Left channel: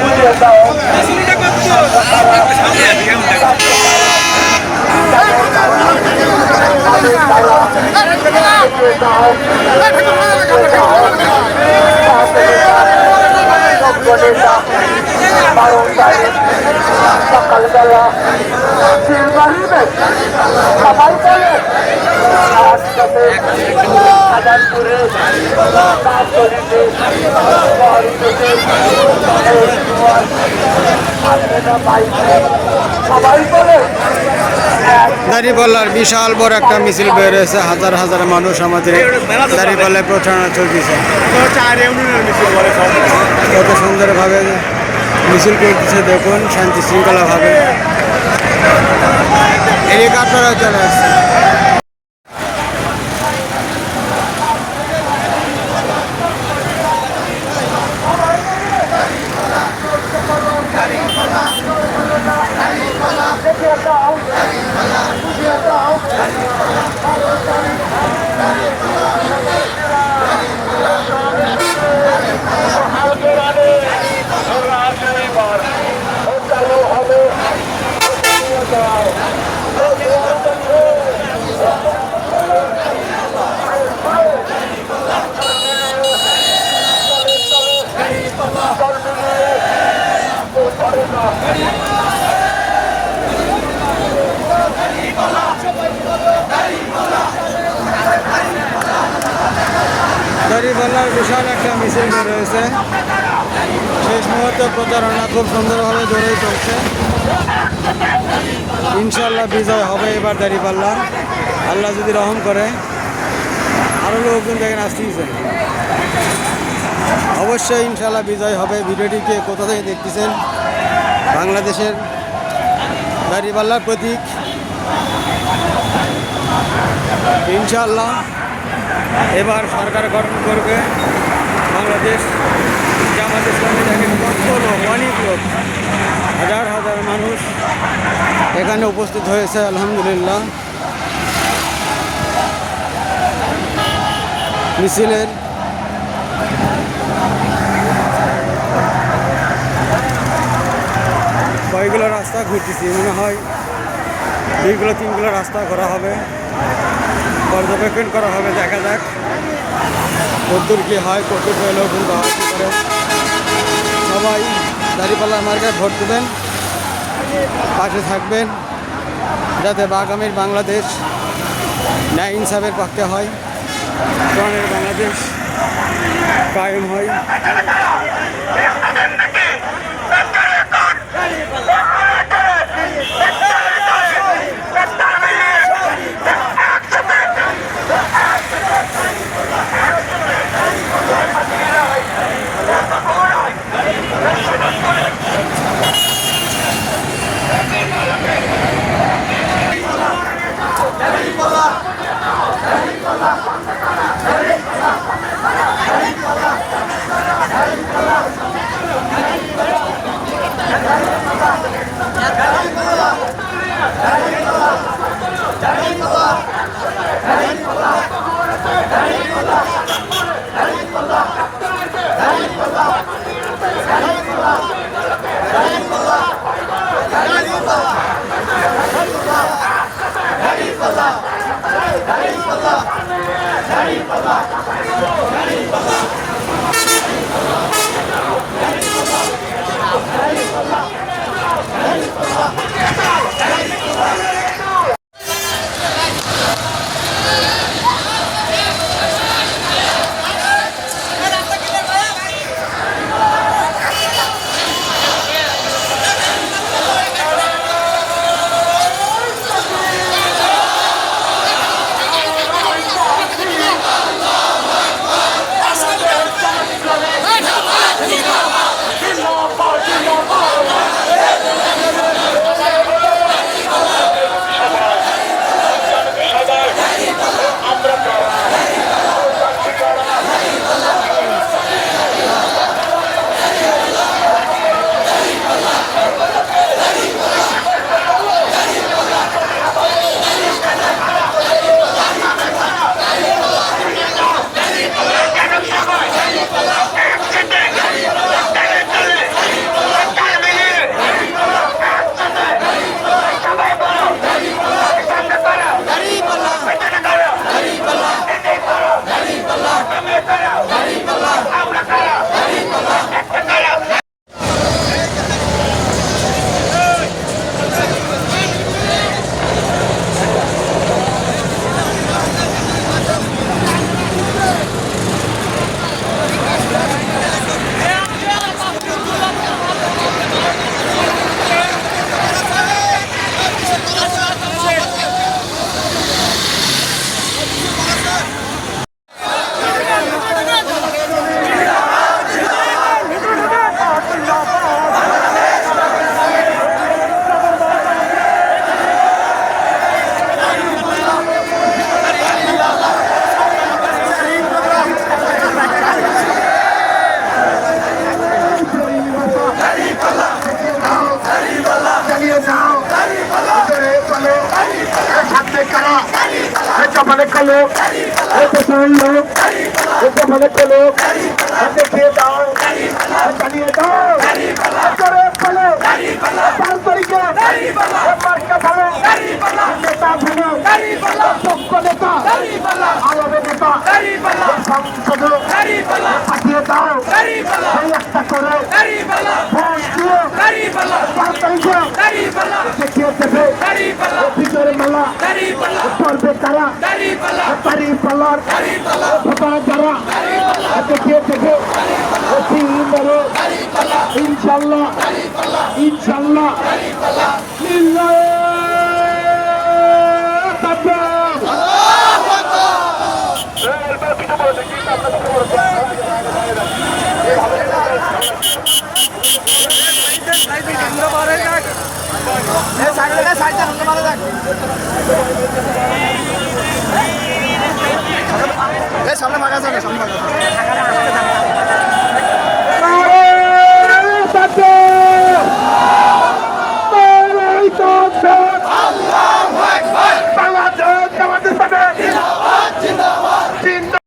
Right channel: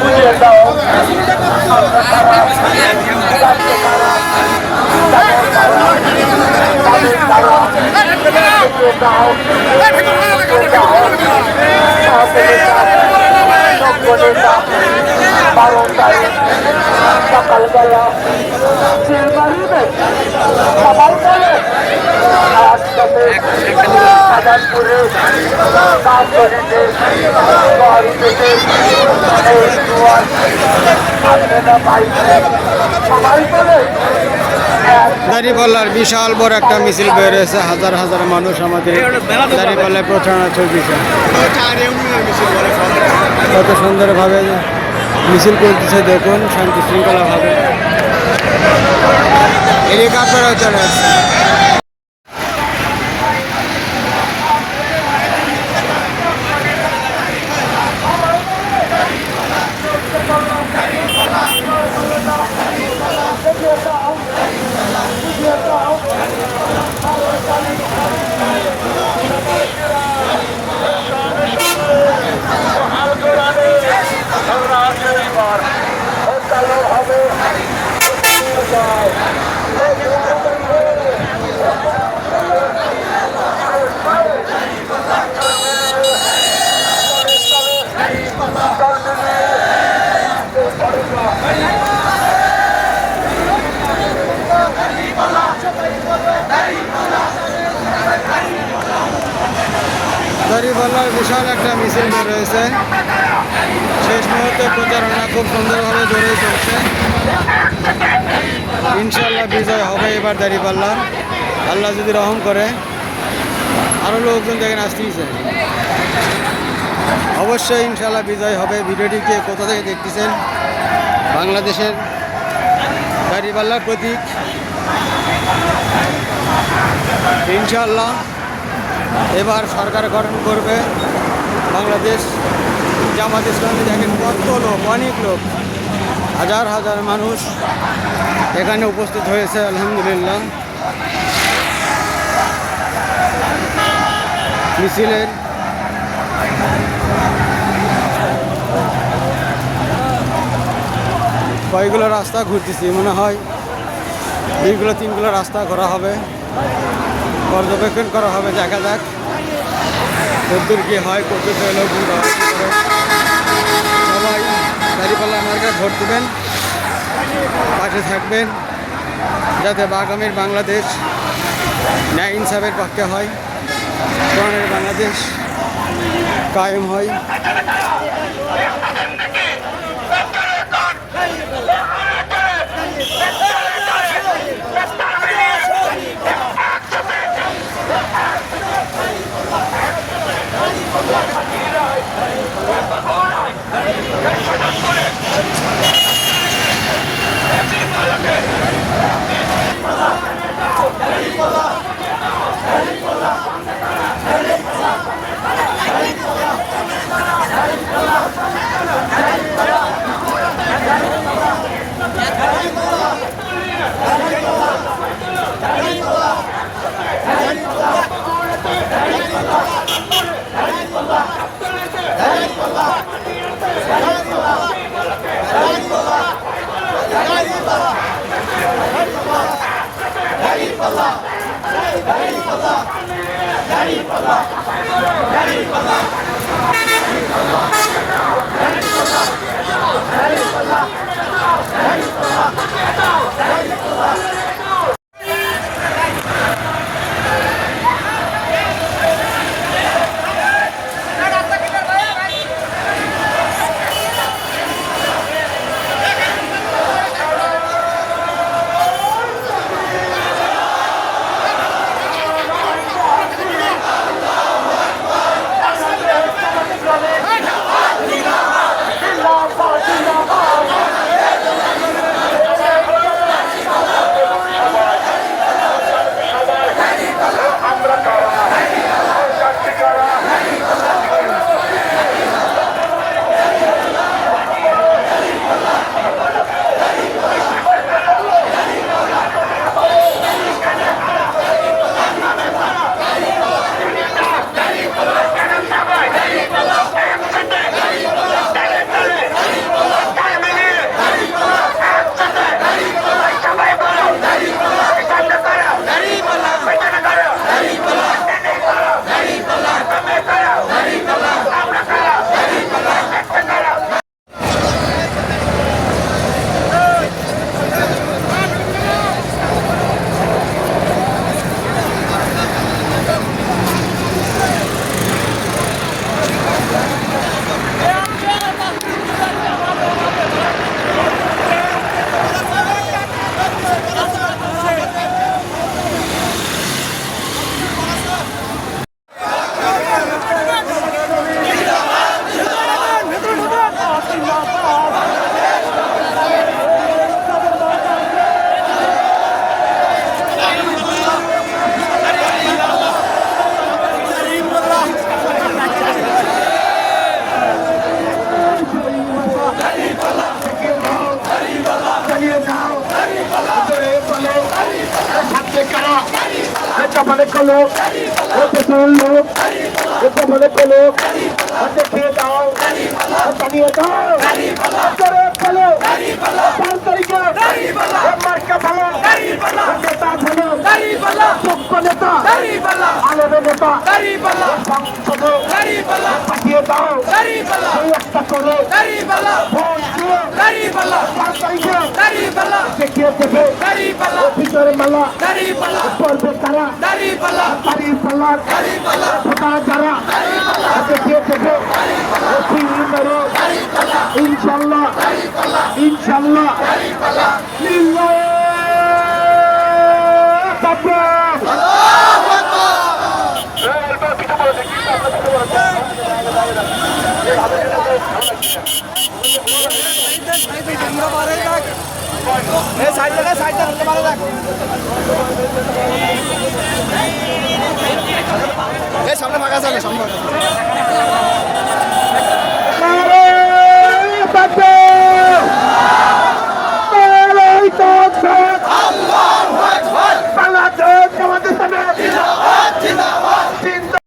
বুঝিয়ে দাও সকালবেলা সবাই বলে একসাথে আজাদপুরে তাঁতরিতে সবাই বলে দাঁড়িপাল্লার বিশাল বড় একটা মিছিল বের হয়েছে, হাজার হাজার মানুষ আমাদের দাঁড়িপাল্লায় প্রচারণা চলতেছে। কত সুন্দরভাবে মিছিল করতেছে দেখুন, শান্তি শৃঙ্খলাভাবে। হেলিকপ্টারও চলে আসছে। দাঁড়িপাল্লার বিশাল একটা মিছিল বের হয়েছে, শেষ মুহূর্তে প্রচারণা খুব সুন্দরভাবে জোরে চলছে। ইনশাল্লাহ বিজয় হবে এবার দাঁড়িপাল্লার, আল্লাহ যদি রহম করে। আরও লোকজন দেখেন আসতেই অবশ্যই ইনশাল্লাহ বিজয় হবে। ভিডিওটিকে কোথা থেকে দেখতেছেন? বাংলাদেশের দাঁড়িপাল্লার প্রতীক ইনশাল্লাহ এবার সরকার গঠন করবে বাংলাদেশ। জামাত ইসলামী দেখেন কত লোক, অনেক লোক, হাজার হাজার মানুষ এখানে উপস্থিত হয়েছে আলহামদুলিল্লাহ। মিছিলের কয়েকগুলো রাস্তা ঘুরতেছি, মনে হয় 2-3গুলো রাস্তা করা হবে, পর্যবেক্ষণ করা হবে। দেখা যাক কতদূর কী হয়, কতদূর লোক হয় কী করে। সবাই দাঁড়িপাল্লা মার্কায় ভোট দেবেন, পাশে থাকবেন, যাতে আগামীর বাংলাদেশ ন্যায় ইনসাফের পক্ষে হয়, কোরআনের বাংলাদেশ কায়েম হয়। আচ্ছা মানে খেলো পেছনের লোক এটা মানে খেলো দেখিয়ে দাও জানিয়ে দাও করে ফেলো 5 তারিখে মার্কা ভালো নেতা ভালো পক্ষ নেতা আলাদা নেতা সংসদে পাঠিয়ে দাও একটা করে ভোট দিয়ে 5 তারিখে দেখিয়ে দেবে ভিতরে মেলা করবে তারা পারি পাল্লার যারা দেখিয়ে দেবে ইনশাল্লাহ ইনশাল্লাহ সামনে ফাঁকা আছে সামনে